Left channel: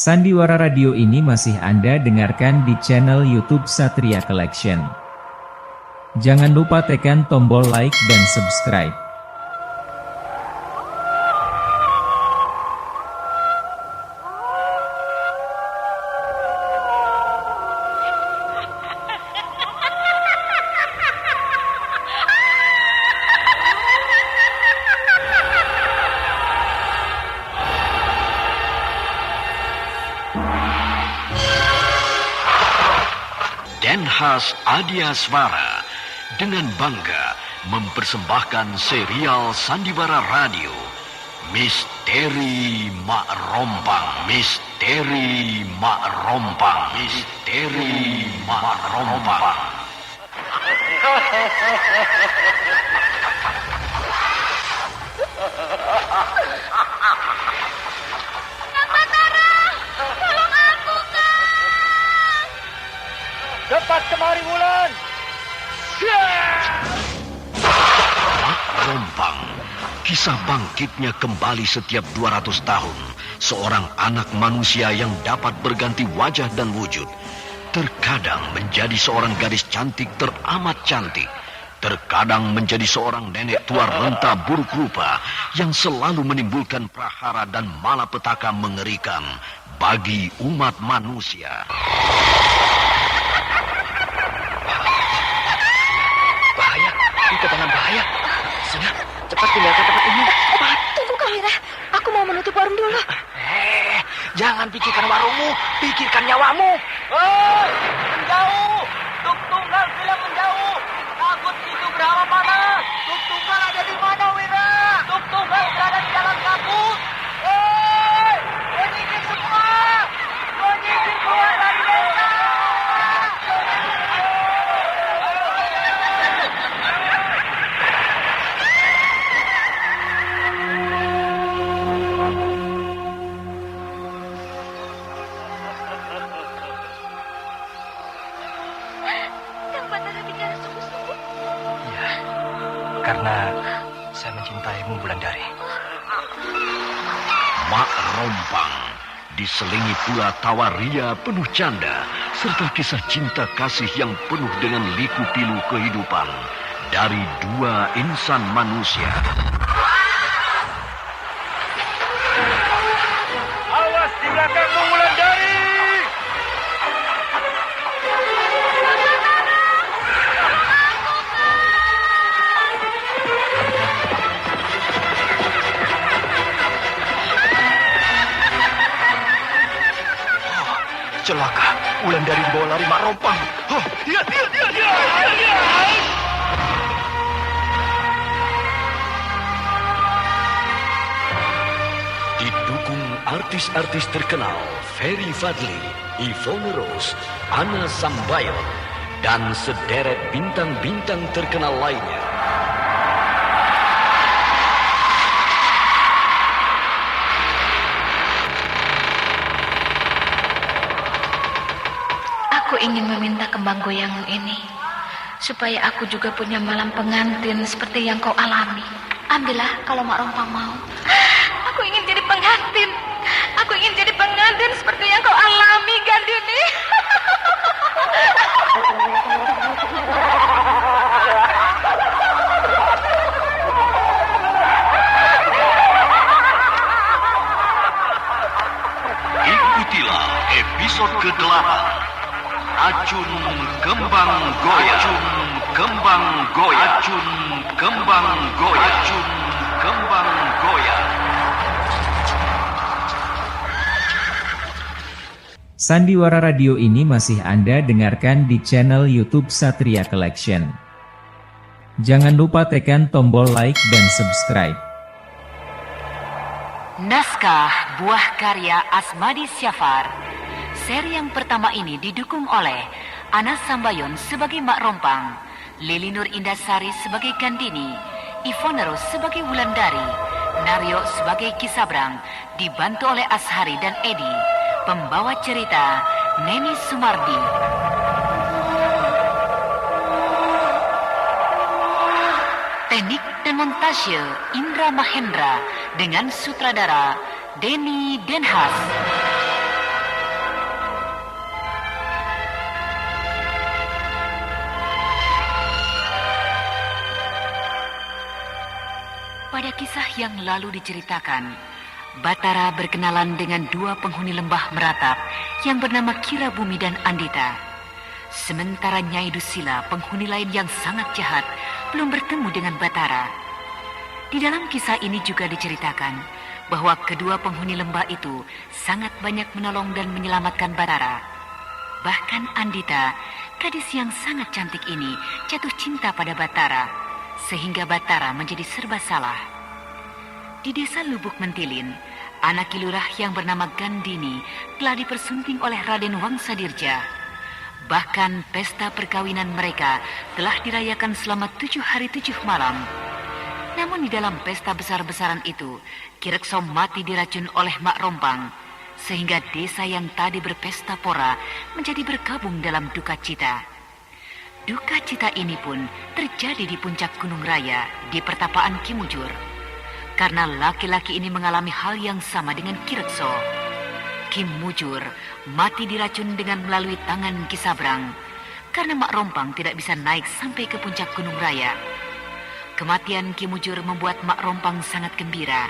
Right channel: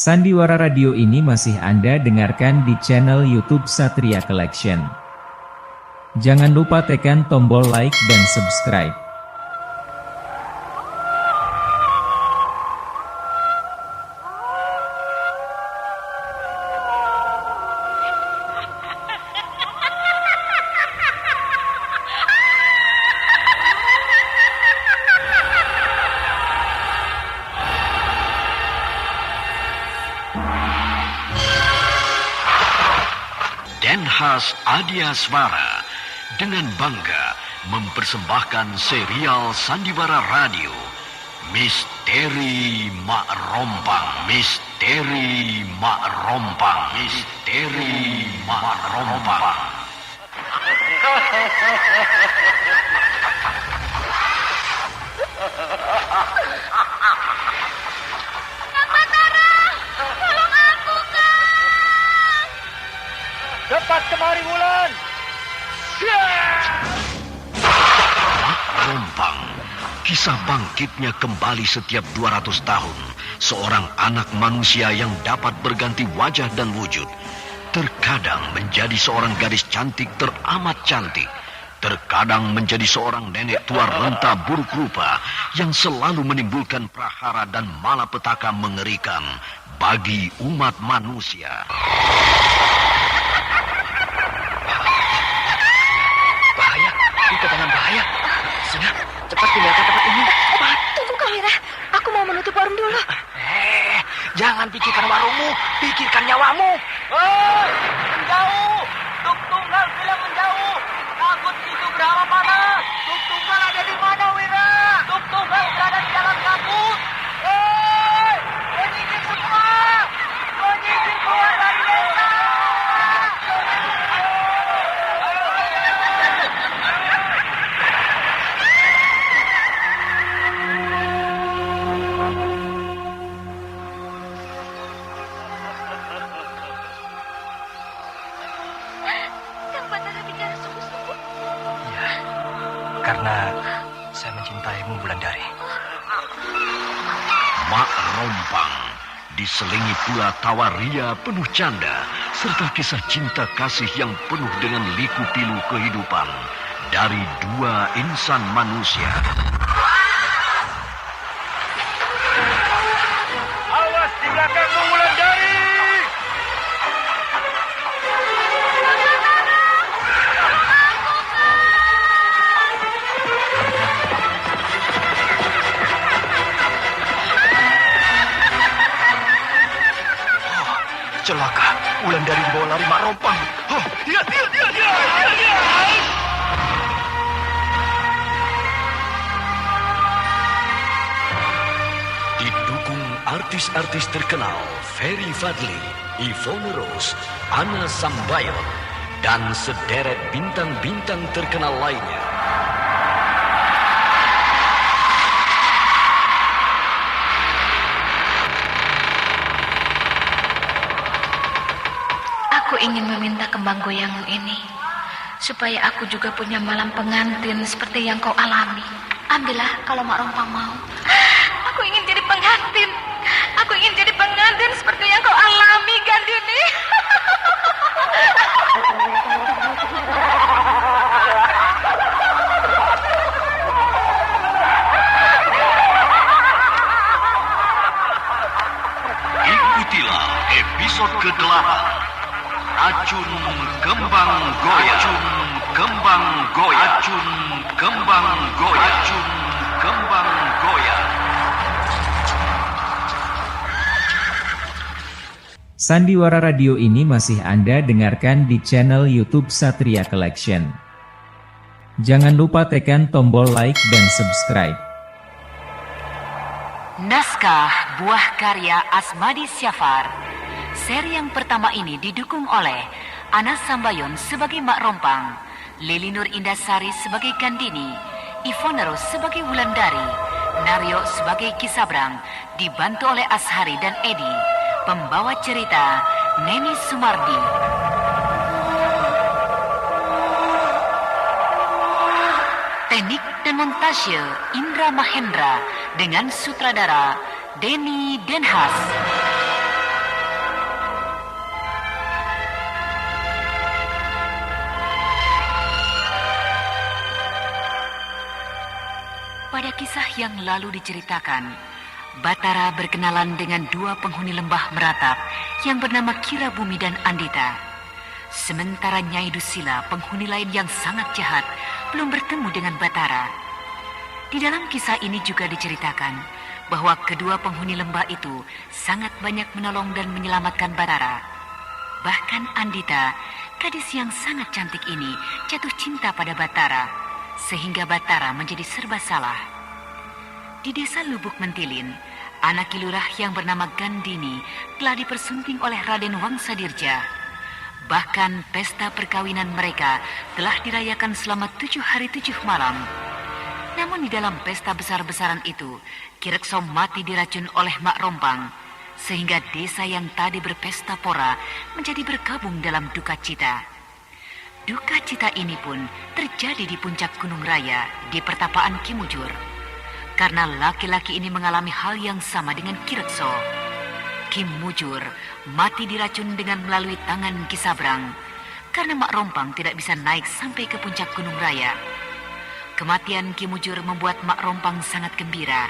Sandiwara Radio ini masih Anda dengarkan di channel YouTube Satria Collection. Jangan lupa tekan tombol like dan subscribe. Denhas Adiaswara dengan bangga mempersembahkan serial Sandiwara Radio Misteri Mak Rompang, Misteri Mak Rompang, Misteri Mak Rompang. Cepat kemari Wulan. Mak Rompang, kisah bangkitnya kembali setiap 200 tahun. Seorang anak manusia yang dapat berganti wajah dan wujud. Terkadang menjadi seorang gadis cantik teramat cantik. Terkadang menjadi seorang nenek tua renta buruk rupa yang selalu menimbulkan prahara dan malapetaka mengerikan bagi umat manusia. Bahaya, itu tangan bahaya. Sudah, cepat pindah ke tempat umum. Tunggu Kang Wira, aku mau menutup warung dulu. Jangan pikirkan warungmu, pikirkan nyawamu. Menjauh, Tuk Tunggal bilang menjauh. Takut itu berapa mana? Tuk Tunggal ada di mana, Wira? Tuk Tunggal berada di dalam kabut. Menyisir semua, menyisir keluar dari desa. Karena saya mencintaimu, Wulandari. Mak Rompang diselingi pula tawa ria penuh canda serta kisah cinta kasih yang penuh dengan liku-liku kehidupan dari dua insan manusia. Awas di belakangmu, Wulandari! Celaka, Wulandari dibawa lari Mak Rompang. Dia. Didukung artis-artis terkenal Ferry Fadli, Yvonne Rose, Anna Sambayon, dan sederet bintang-bintang terkenal lainnya. Aku ingin meminta kembang goyangmu ini, supaya aku juga punya malam pengantin seperti yang kau alami. Ambillah kalau Mak Rompang mau. Aku ingin jadi pengantin. Aku ingin jadi pengantin seperti yang kau alami, Gandini. Ikutilah episode ke-8. Acun Kembang Goyang. Acun Kembang Goyang. Acun Kembang Goyang. Acun Kembang Goyang. Sandiwara Radio ini masih Anda dengarkan di channel YouTube Satria Collection. Jangan lupa tekan tombol like dan subscribe. Naskah buah karya Asmadi Syafar. Seri yang pertama ini didukung oleh Anas Sambayon sebagai Mak Rompang, Lili Nur Indasari sebagai Gandini, Yvonne Rose sebagai Wulandari, Naryo sebagai Kisabrang, dibantu oleh Ashari dan Edi. Pembawa cerita Neni Sumardi. Teknik dan montase Indra Mahendra dengan sutradara Denny Denhas. kisah yang lalu diceritakan, Batara berkenalan dengan dua penghuni lembah meratap yang bernama Kira Bumi dan Andita. Sementara Nyai Dusila, penghuni lain yang sangat jahat, belum bertemu dengan Batara. Di dalam kisah ini juga diceritakan bahwa kedua penghuni lembah itu sangat banyak menolong dan menyelamatkan Batara. Bahkan Andita, gadis yang sangat cantik ini, jatuh cinta pada Batara, sehingga Batara menjadi serba salah. Di desa Lubuk Mentilin, anak kilurah yang bernama Gandini telah dipersunting oleh Raden Wangsadirja. Bahkan pesta perkawinan mereka telah dirayakan selama 7 hari 7 malam. Namun di dalam pesta besar-besaran itu, Kirekso mati diracun oleh Mak Rompang, sehingga desa yang tadi berpesta pora menjadi bergabung dalam duka cita. Duka cita ini pun terjadi di puncak Gunung Raya di pertapaan Kimujur, karena laki-laki ini mengalami hal yang sama dengan Kirekso. Kimujur mati diracun dengan melalui tangan Kisabrang, karena Mak Rompang tidak bisa naik sampai ke puncak Gunung Raya. Kematian Kimujur membuat Mak Rompang sangat gembira,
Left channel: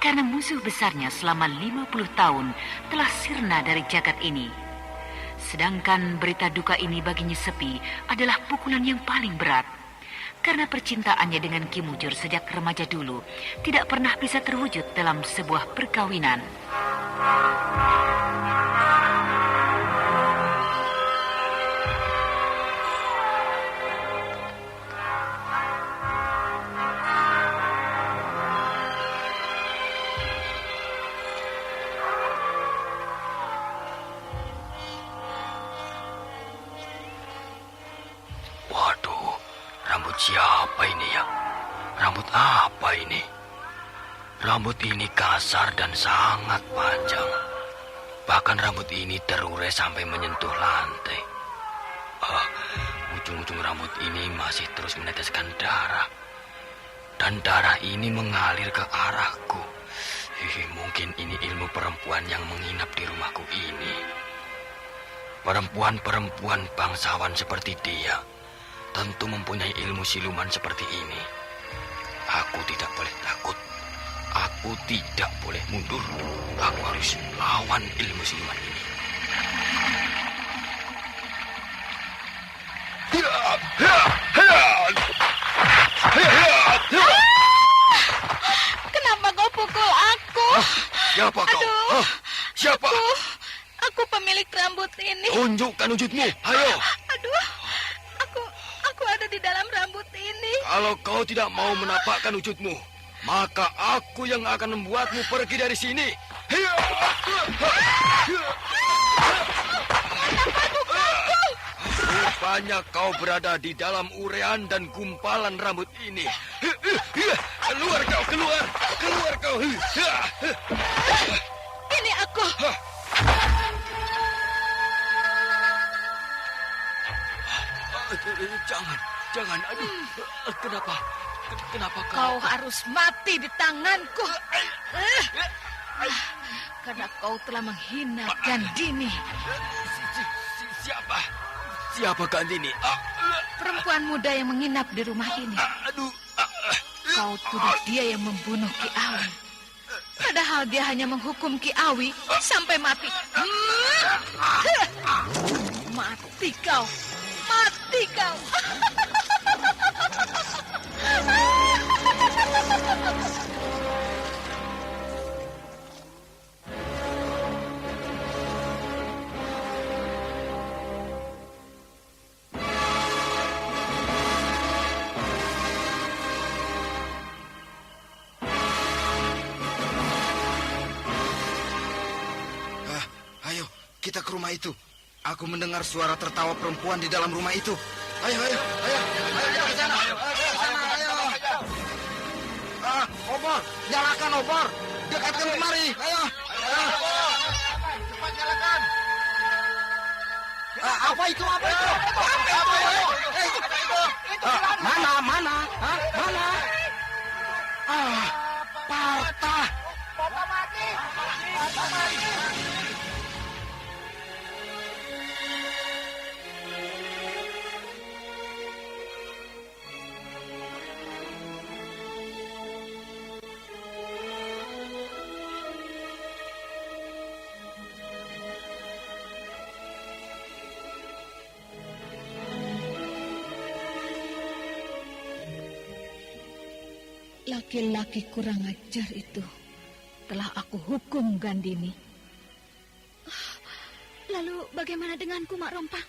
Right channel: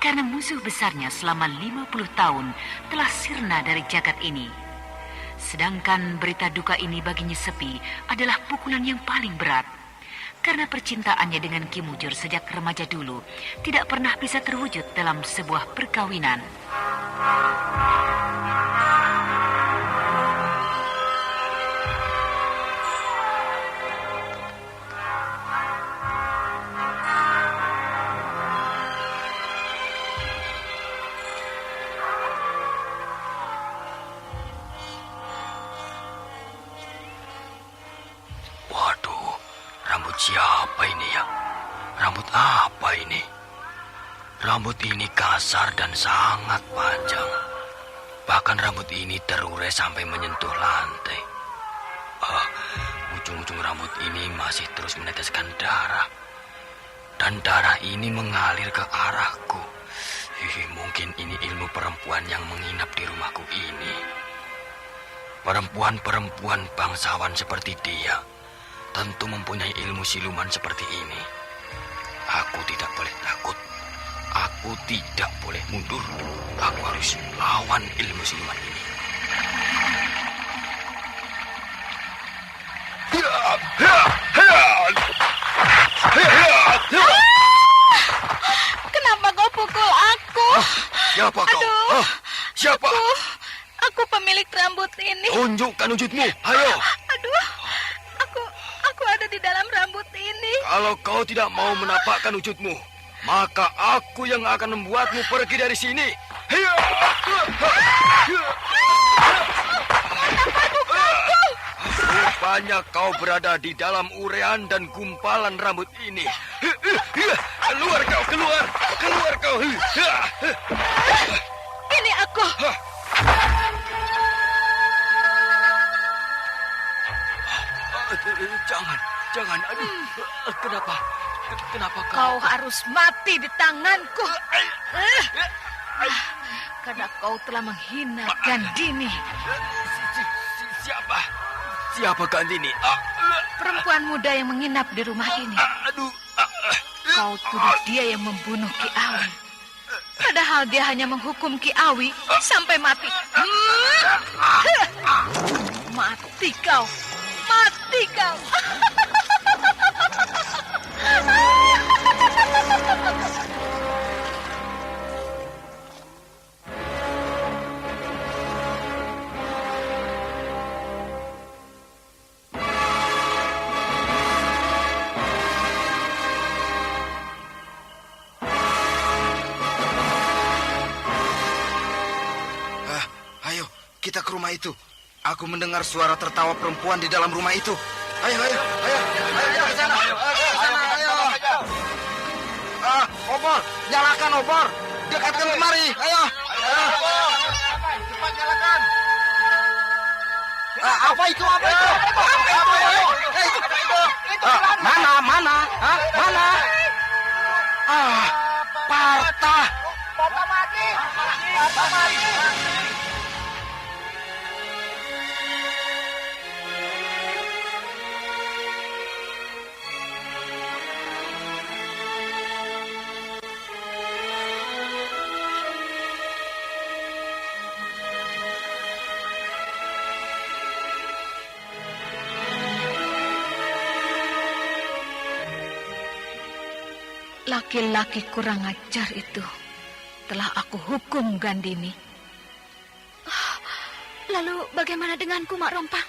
karena musuh besarnya selama 50 tahun telah sirna dari jagat ini. Sedangkan berita duka ini baginya Sepi adalah pukulan yang paling berat, karena percintaannya dengan Kimujur sejak remaja dulu tidak pernah bisa terwujud dalam sebuah perkawinan. Waduh, rambut siapa ini ya? Rambut apa ini? Rambut ini kasar dan sangat panjang. Bahkan rambut ini terurai sampai menyentuh lantai. Ujung-ujung rambut ini masih terus meneteskan darah. Dan darah ini mengalir ke arahku. Mungkin ini ilmu perempuan yang menginap di rumahku ini. Perempuan-perempuan bangsawan seperti dia tentu mempunyai ilmu siluman seperti ini. Aku tidak boleh takut. Aku tidak boleh mundur. Aku harus lawan ilmu siluman ini. Kenapa kau pukul aku? Siapa kau? Aduh. Siapa? Aku pemilik rambut ini. Tunjukkan wujudmu. Ayo. Aduh, aku ada di dalam rambut ini. Kalau kau tidak mau menampakkan wujudmu, maka aku yang akan membuatmu pergi dari sini. Rupanya kau berada di dalam urean dan gumpalan rambut ini. Keluar kau, keluar. Keluar kau. Ini aku. Jangan. Aduh, kenapa Kau harus mati di tanganku. Karena kau telah menghina Gandini. Siapa Gandini? Perempuan muda yang menginap di rumah ini. Aduh. Kau tuduh dia yang membunuh Ki Awi. Padahal dia hanya menghukum Ki Awi sampai mati. Mati kau. Mati kau. Ayo, kita ke rumah itu. Aku mendengar suara tertawa perempuan di dalam rumah itu. Ayo ke sana. Ayo. Obor, nyalakan obor. Dekatkan kemari. Ayo. Cepat nyalakan. Apa itu? Mana? Parta. Bapak mati. Laki-laki kurang ajar itu telah aku hukum, Gandini. Lalu bagaimana denganku, Mak Rompang?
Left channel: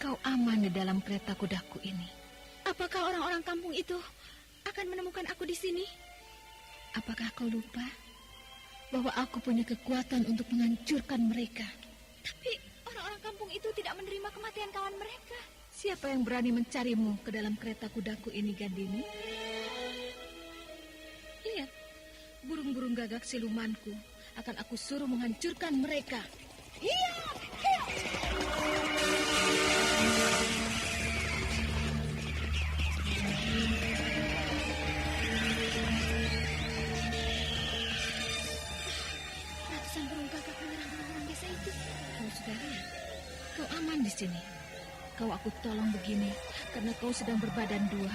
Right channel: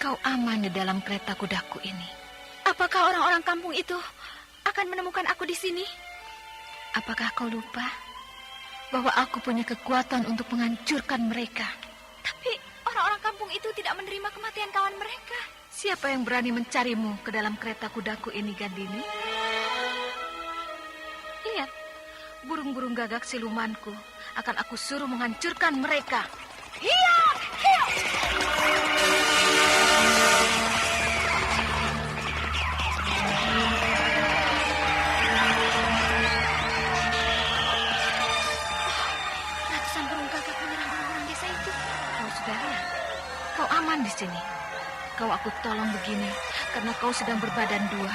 Kau aman di dalam kereta kudaku ini. Apakah orang-orang kampung itu akan menemukan aku di sini? Apakah kau lupa bahwa aku punya kekuatan untuk menghancurkan mereka? Tapi orang-orang kampung itu tidak menerima kematian kawan mereka. Siapa yang berani mencarimu ke dalam kereta kudaku ini, Gandini? Lihat, burung-burung gagak silumanku akan aku suruh menghancurkan mereka. Hiya! Hiya! Ratusan burung gagak menyerang orang-orang desa itu. Kau saudara, kau aman di sini. Kau aku tolong begini karena kau sedang berbadan dua.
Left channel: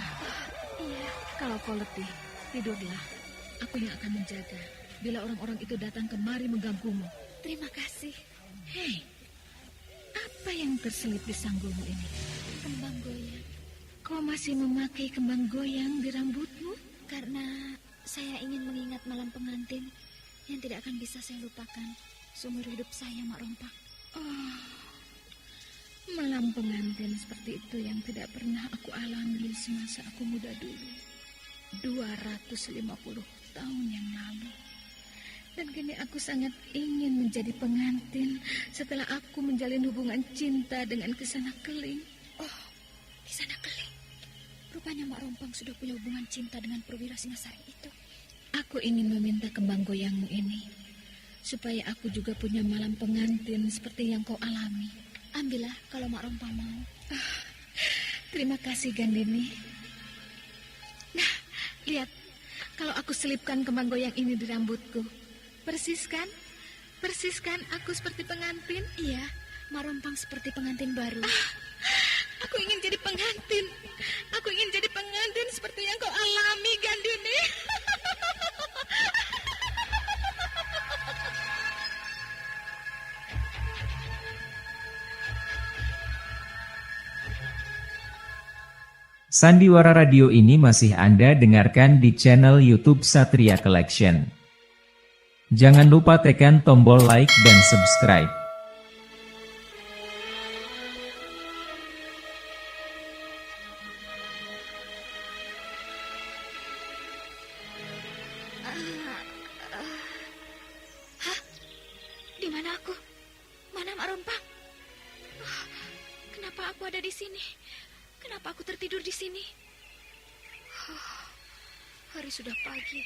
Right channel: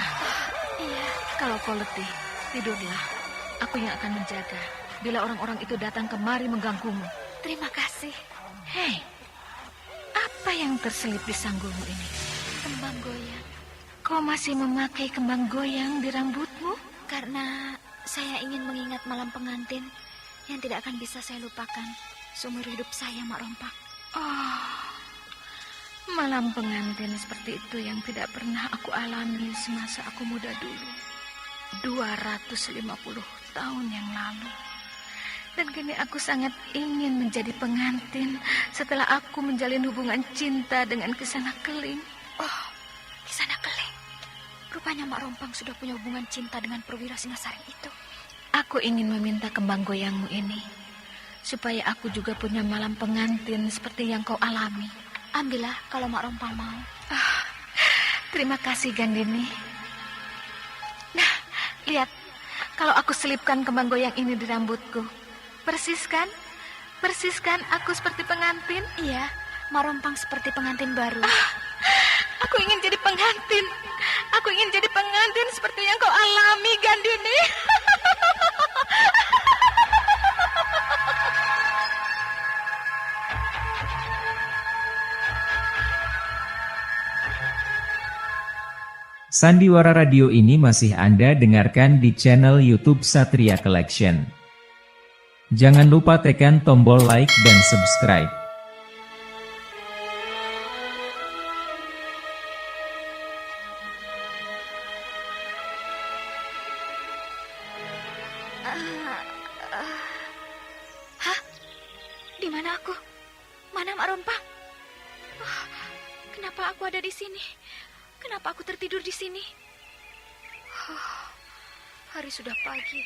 Iya, kalau kau letih, tidurlah. Aku yang akan menjaga bila orang-orang itu datang kemari mengganggumu. Terima kasih. Hei, apa yang terselip di sanggulmu ini? Kembang goyang. Kau masih memakai kembang goyang di rambutmu? Karena saya ingin mengingat malam pengantin yang tidak akan bisa saya lupakan seumur hidup saya, Mak Rompak. Oh, malam pengantin seperti itu yang tidak pernah aku alami semasa aku muda dulu. 250 tahun yang lalu. Dan kini aku sangat ingin menjadi pengantin setelah aku menjalin hubungan cinta dengan Kisana Keling. Oh, Kisana Keling. Rupanya Mak Rompang sudah punya hubungan cinta dengan perwira Singasari itu. Aku ingin meminta kembang goyangmu ini supaya aku juga punya malam pengantin seperti yang kau alami. Ambillah kalau Mak Rompang mau. Terima kasih, Gandini. Nah, lihat. Kalau aku selipkan kembang goyang ini di rambutku. Persis kan? Persis kan aku seperti pengantin? Iya, Mak Rompang seperti pengantin baru. Aku ingin jadi pengantin. Aku ingin jadi pengantin seperti yang kau alami, Gandini. Sandiwara Radio ini masih Anda dengarkan di channel YouTube Satria Collection. Jangan lupa tekan tombol like dan subscribe. Hah? Di mana aku? Mana Mak Rompang? Kenapa aku ada di sini? Kenapa aku tertidur di sini? Hari sudah pagi.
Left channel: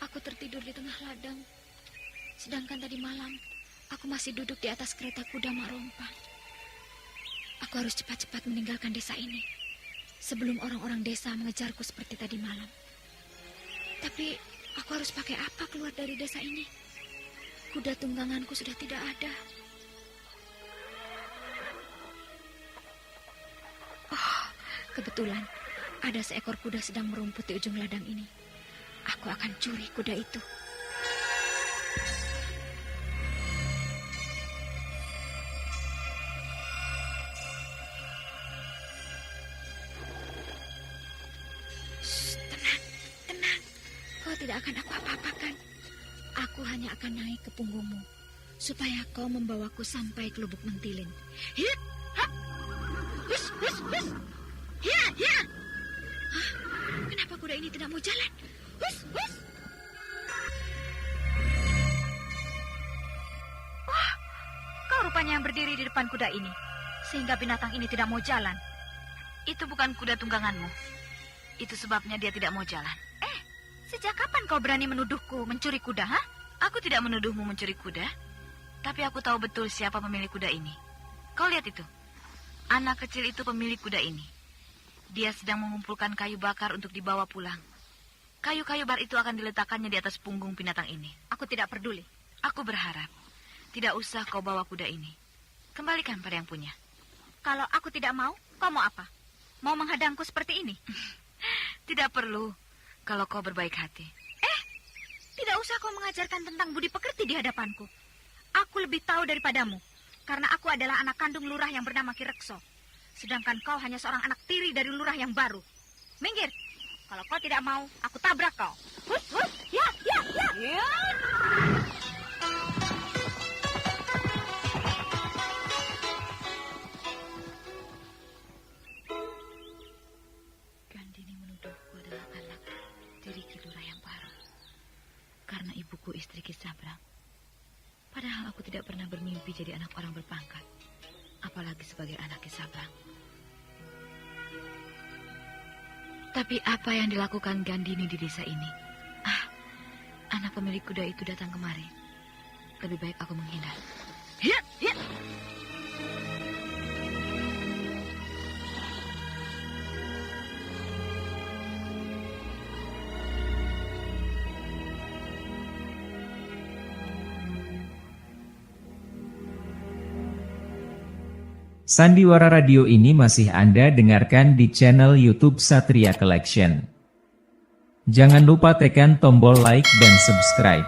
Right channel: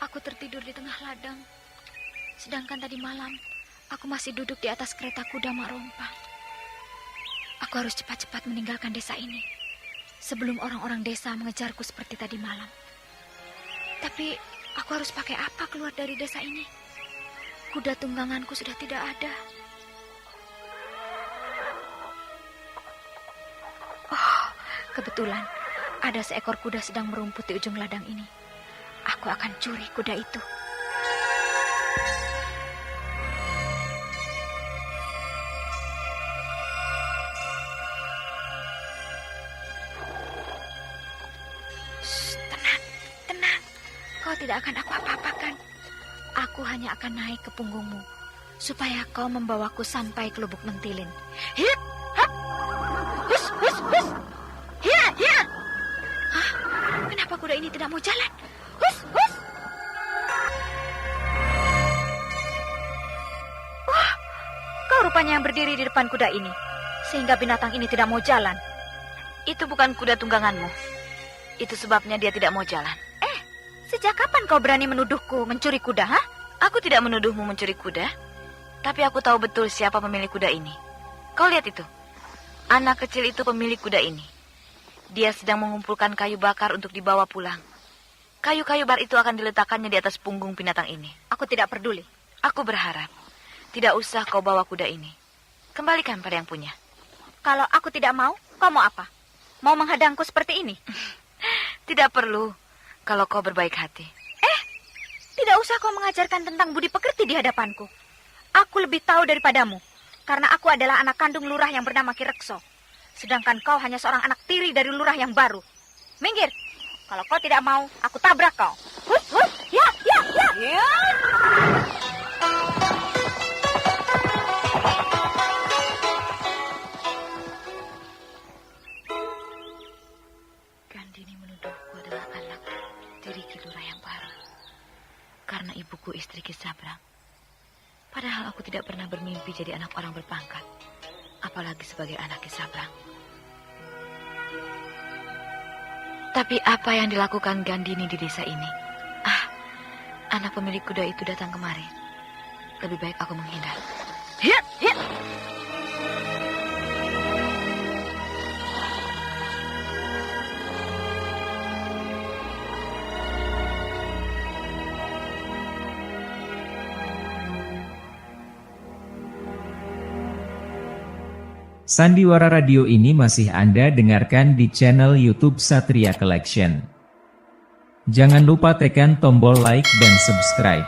Aku tertidur di tengah ladang. Sedangkan tadi malam, aku masih duduk di atas kereta kuda Mak Rompang. Aku harus cepat-cepat meninggalkan desa ini sebelum orang-orang desa mengejarku seperti tadi malam. Tapi aku harus pakai apa keluar dari desa ini? Kuda tungganganku sudah tidak ada. Oh, kebetulan ada seekor kuda sedang merumput di ujung ladang ini. Aku akan curi kuda itu. Shh, tenang, tenang. Kau tidak akan aku apa-apakan. Aku hanya akan naik ke punggungmu supaya kau membawaku sampai ke Lubuk Mentilin. Hip, hap, hus, hus, hus. Hia, hia. Hah? Kenapa kuda ini tidak mau jalan? Hus, hus. Wah, kau rupanya yang berdiri di depan kuda ini, sehingga binatang ini tidak mau jalan. Itu bukan kuda tungganganmu. Itu sebabnya dia tidak mau jalan. Sejak kapan kau berani menuduhku mencuri kuda, ha? Aku tidak menuduhmu mencuri kuda, tapi aku tahu betul siapa pemilik kuda ini. Kau lihat itu. Anak kecil itu pemilik kuda ini. Dia sedang mengumpulkan kayu bakar untuk dibawa pulang. Kayu-kayu bar itu akan diletakkannya di atas punggung binatang ini. Aku tidak peduli. Aku berharap tidak usah kau bawa kuda ini. Kembalikan pada yang punya. Kalau aku tidak mau, kau mau apa? Mau menghadangku seperti ini? Tidak perlu kalau kau berbaik hati. Tidak usah kau mengajarkan tentang budi pekerti di hadapanku. Aku lebih tahu daripadamu, karena aku adalah anak kandung lurah yang bernama Ki Rekso. Sedangkan kau hanya seorang anak tiri dari lurah yang baru. Minggir, Kalau kau tidak mau, aku tabrak kau. Hus, hus, ya, ya, ya. Ya. Gandini menuduhku adalah anak tiri Ki Lurah yang baru. Karena ibuku istri Ki Sabrang. Padahal aku tidak pernah bermimpi jadi anak orang berpangkat. Apalagi sebagai anak Ki Sabrang. Tapi apa yang dilakukan Gandini di desa ini? Anak pemilik kuda itu datang kemari. Lebih baik aku menghindar. Ya, ya. Sandiwara Radio ini masih Anda dengarkan di channel YouTube Satria Collection. Jangan lupa tekan tombol like dan subscribe.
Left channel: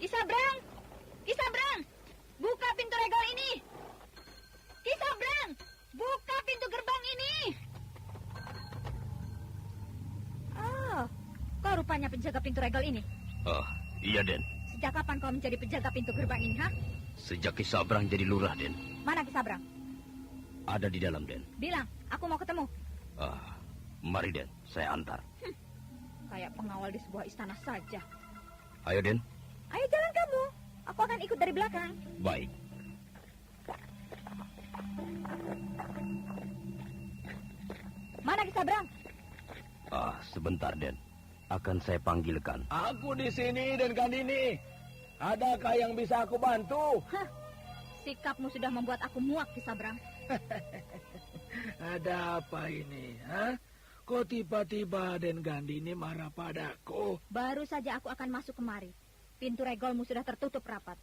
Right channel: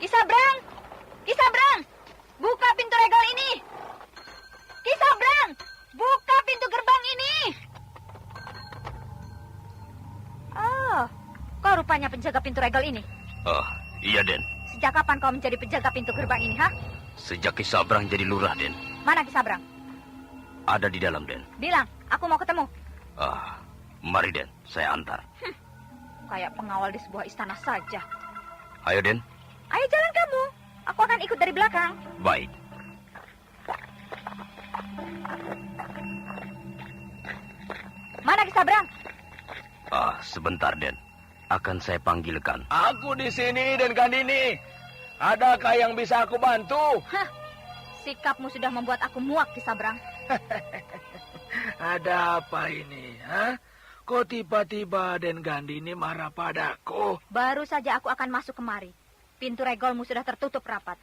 Ki Sabrang! Ki Sabrang! Buka pintu regal ini! Ki Sabrang! Buka pintu gerbang ini! Oh, kau rupanya penjaga pintu regal ini. Oh, iya, Den. Sejak kapan kau menjadi penjaga pintu gerbang ini, ha? Sejak Ki Sabrang jadi lurah, Den. Mana Ki Sabrang? Ada di dalam, Den. Bilang, aku mau ketemu. Mari, Den. Saya antar. Kayak pengawal di sebuah istana saja. Ayo, Den. Ayo jalan kamu. Aku akan ikut dari belakang. Baik. Mana Ki Sabrang? Sebentar, Den. Akan saya panggilkan. Aku di sini, Den Gandini. Adakah yang bisa aku bantu? Hah, sikapmu sudah membuat aku muak, Ki Sabrang. Ada apa ini, ha? Kok tiba-tiba Den Gandini marah padaku? Baru saja aku akan masuk kemari. Pintu regalmu sudah tertutup rapat.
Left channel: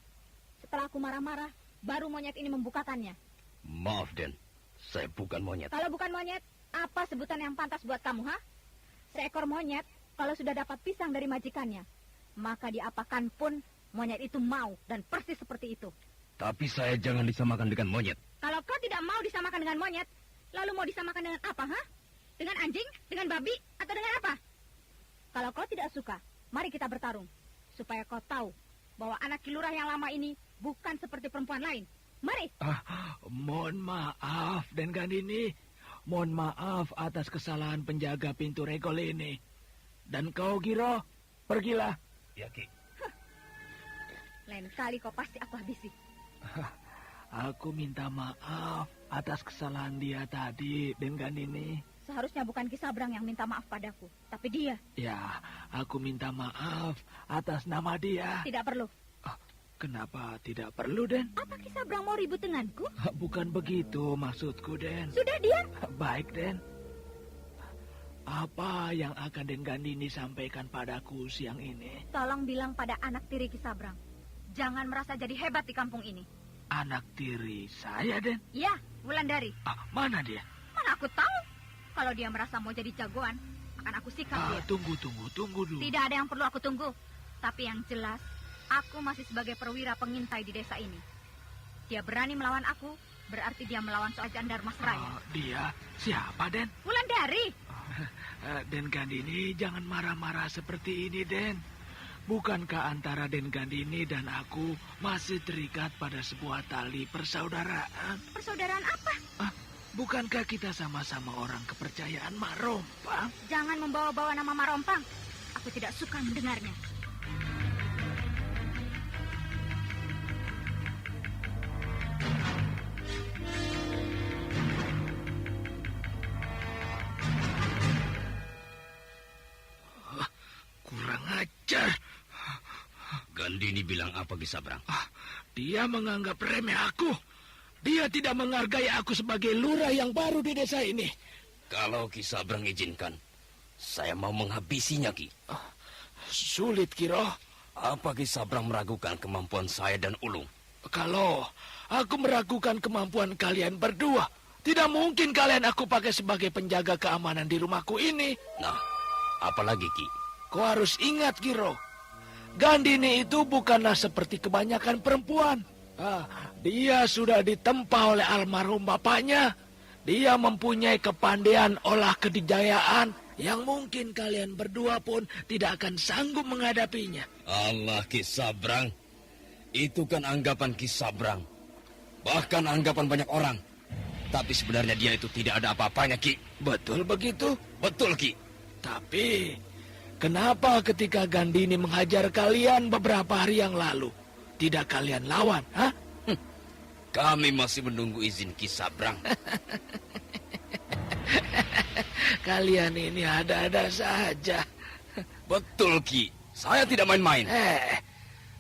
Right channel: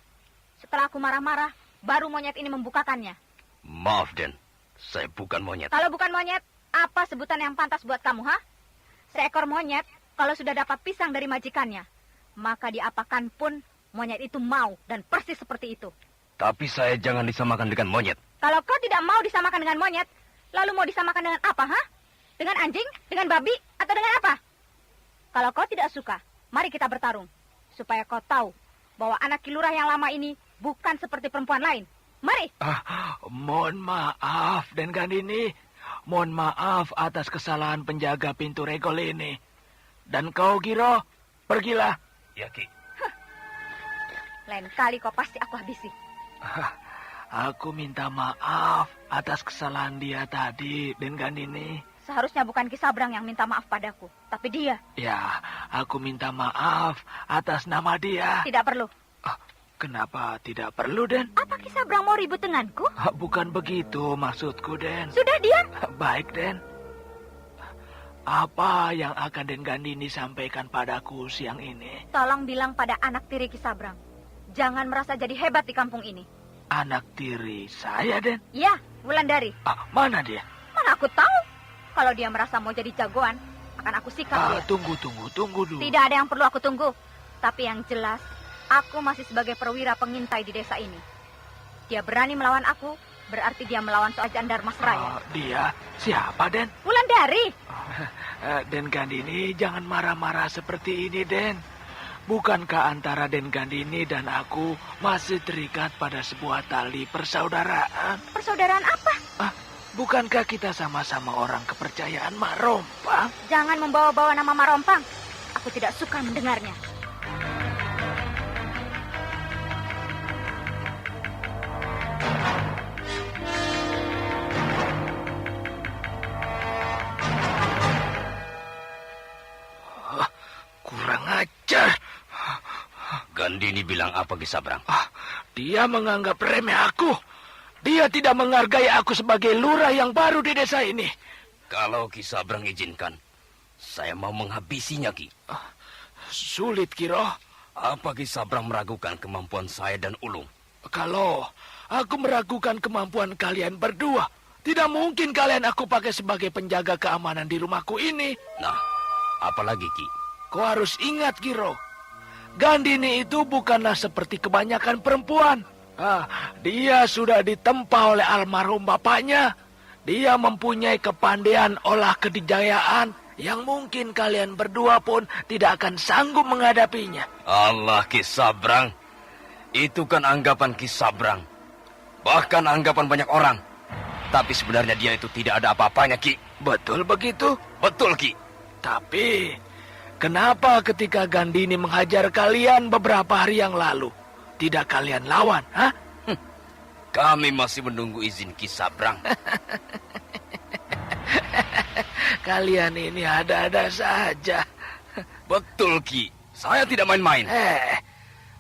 Setelah aku marah-marah, baru monyet ini membukakannya. Maaf, Den. Saya bukan monyet. Kalau bukan monyet, apa sebutan yang pantas buat kamu, ha? Seekor monyet, kalau sudah dapat pisang dari majikannya, maka diapakan pun monyet itu mau dan persis seperti itu. Tapi saya jangan disamakan dengan monyet. Kalau kau tidak mau disamakan dengan monyet, lalu mau disamakan dengan apa, ha? Dengan anjing, dengan babi, atau dengan apa? Kalau kau tidak suka, mari kita bertarung. Supaya kau tahu bahwa anak Ki Lurah yang lama ini bukan seperti perempuan lain. Mari. Mohon maaf, Den Gandini. Mohon maaf atas kesalahan penjaga pintu regol ini. Dan kau, Giro, pergilah. Ya, Ki. Lain kali kau pasti aku habisi. Aku minta maaf atas kesalahan dia tadi, Den Gandini. Seharusnya bukan Ki Sabrang yang minta maaf padaku, tapi dia. Ya, aku minta maaf atas nama dia. Tidak perlu. Kenapa tidak perlu, Den? Apa Ki Sabrang mau ribut denganku? Bukan begitu maksudku, Den. Sudah diam. Baik, Den. Apa yang akan Den Gandini sampaikan padaku siang ini? Tolong bilang pada anak tiri Ki Sabrang. Jangan merasa jadi hebat di kampung ini. Anak tiri saya, Den? Ya, Wulandari. Mana dia? Mana aku tahu. Kalau dia merasa mau jadi jagoan, akan aku sikat dia. Tunggu dulu. Tidak ada yang perlu aku tunggu. Tapi yang jelas, aku masih sebagai perwira pengintai di desa ini. Dia berani melawan aku, berarti dia melawan Soejanjar Mas Raya. Dia siapa, Den? Wulandari. Den Gandini, jangan marah-marah seperti ini, Den. Bukankah antara Den Gandini dan aku masih terikat pada sebuah tali persaudaraan? Persaudaraan apa? Bukankah kita sama-sama orang kepercayaan Mak Rompang? Jangan membawa-bawa nama Mak Rompang. Aku tidak suka mendengarnya. Kurang ajar. Gandini bilang apa, Ki Sabrang? Dia menganggap remeh aku. Dia tidak menghargai aku sebagai lurah yang baru di desa ini. Kalau Ki Sabrang izinkan, saya mau menghabisinya, Ki. Sulit, Kiro. Apa Ki Sabrang meragukan kemampuan saya dan Ulung? Kalau aku meragukan kemampuan kalian berdua, tidak mungkin kalian aku pakai sebagai penjaga keamanan di rumahku ini. Nah, apalagi, Ki? Kau harus ingat, Kiro. Gandini itu bukanlah seperti kebanyakan perempuan. Dia sudah ditempa oleh almarhum bapaknya. Dia mempunyai kepandaian olah kedijayaan yang mungkin kalian berdua pun tidak akan sanggup menghadapinya. Allah, Ki Sabrang. Itu kan anggapan Ki Sabrang. Bahkan anggapan banyak orang. Tapi sebenarnya dia itu tidak ada apa-apanya, Ki. Betul begitu? Betul, Ki. Tapi, kenapa ketika Gandini menghajar kalian beberapa hari yang lalu, tidak kalian lawan, hah? Kami masih menunggu izin Ki Sabrang. Kalian ini ada-ada saja. Betul, Ki. Saya tidak main-main.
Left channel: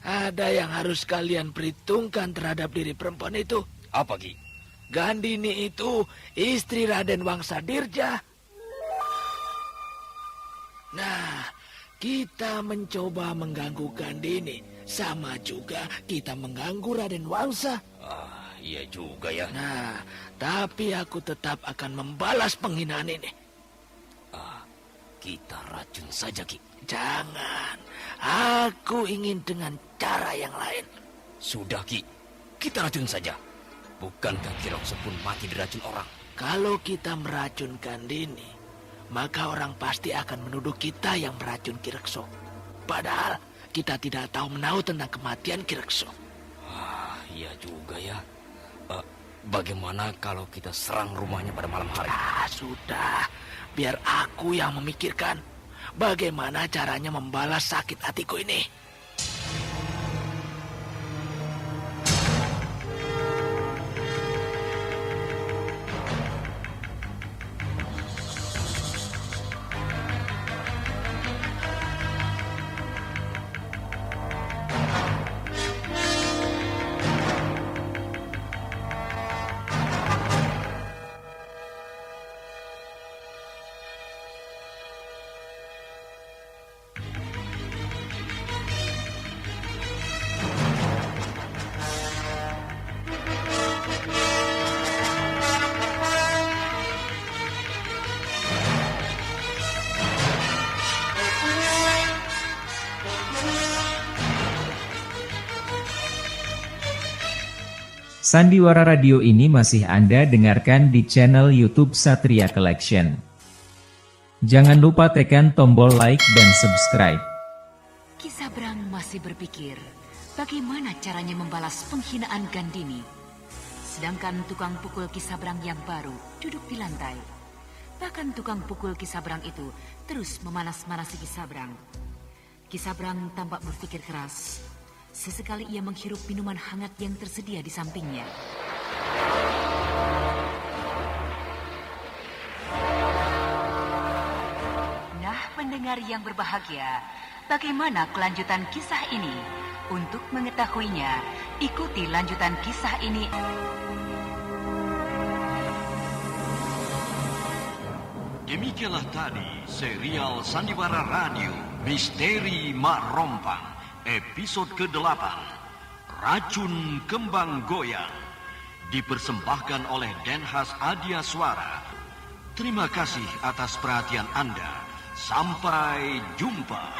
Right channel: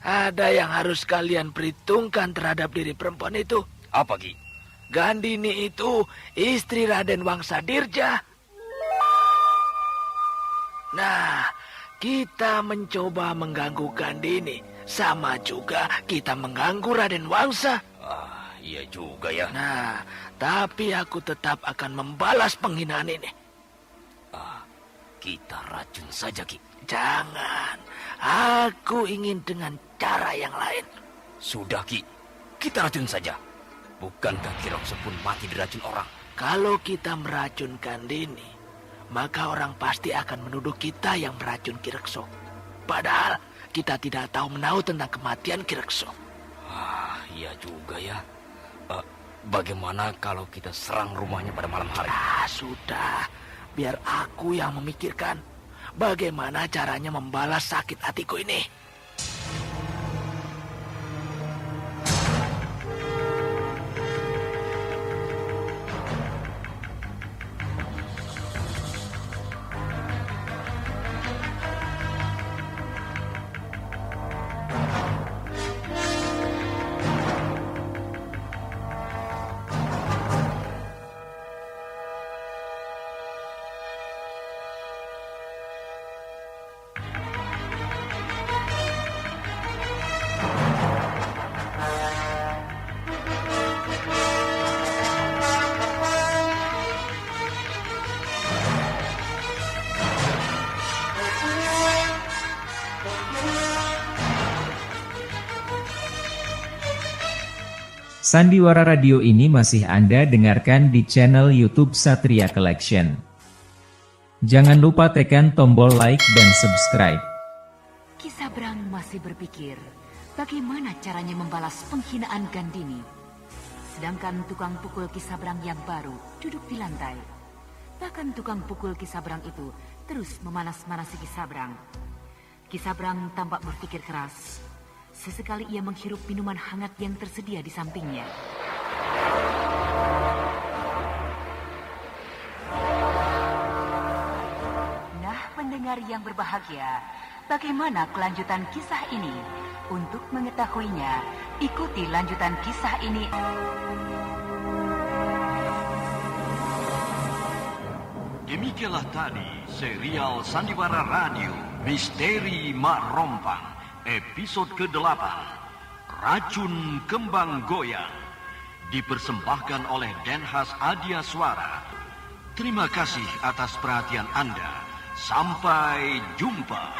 Ada yang harus kalian perhitungkan terhadap diri perempuan itu. Apa, Ki? Gandini itu istri Raden Wangsadirja. Nah, kita mencoba mengganggu Gandini. Sama juga kita mengganggu Raden Wangsa. Iya juga ya. Nah, tapi aku tetap akan membalas penghinaan ini. Kita racun saja, Ki. Jangan. Aku ingin dengan cara yang lain. Sudah, Ki. Kita racun saja. Bukankah Kirakso pun mati diracun orang? Kalau kita meracun Gandini, maka orang pasti akan menuduh kita yang meracun Kirakso. Padahal kita tidak tahu menahu tentang kematian Kirakso. Iya juga ya. Bagaimana kalau kita serang rumahnya pada malam hari? Sudah. Biar aku yang memikirkan bagaimana caranya membalas sakit hatiku ini. Sandiwara Radio ini masih Anda dengarkan di channel YouTube Satria Collection. Jangan lupa tekan tombol like dan subscribe. Ki Sabrang masih berpikir bagaimana caranya membalas penghinaan Gandini. Sedangkan tukang pukul Ki Sabrang yang baru duduk di lantai. Bahkan tukang pukul Ki Sabrang itu terus memanas-manasi Ki Sabrang. Ki Sabrang tampak berpikir keras. Sesekali ia menghirup minuman hangat yang tersedia di sampingnya. Nah, pendengar yang berbahagia, bagaimana kelanjutan kisah ini? Untuk mengetahuinya, ikuti lanjutan kisah ini. Demikianlah tadi serial Sandiwara Radio Misteri Mak Rompang. Episode ke-8, Racun Kembang Goyang, dipersembahkan oleh Denhas Adia Suara. Terima kasih atas perhatian Anda. Sampai jumpa.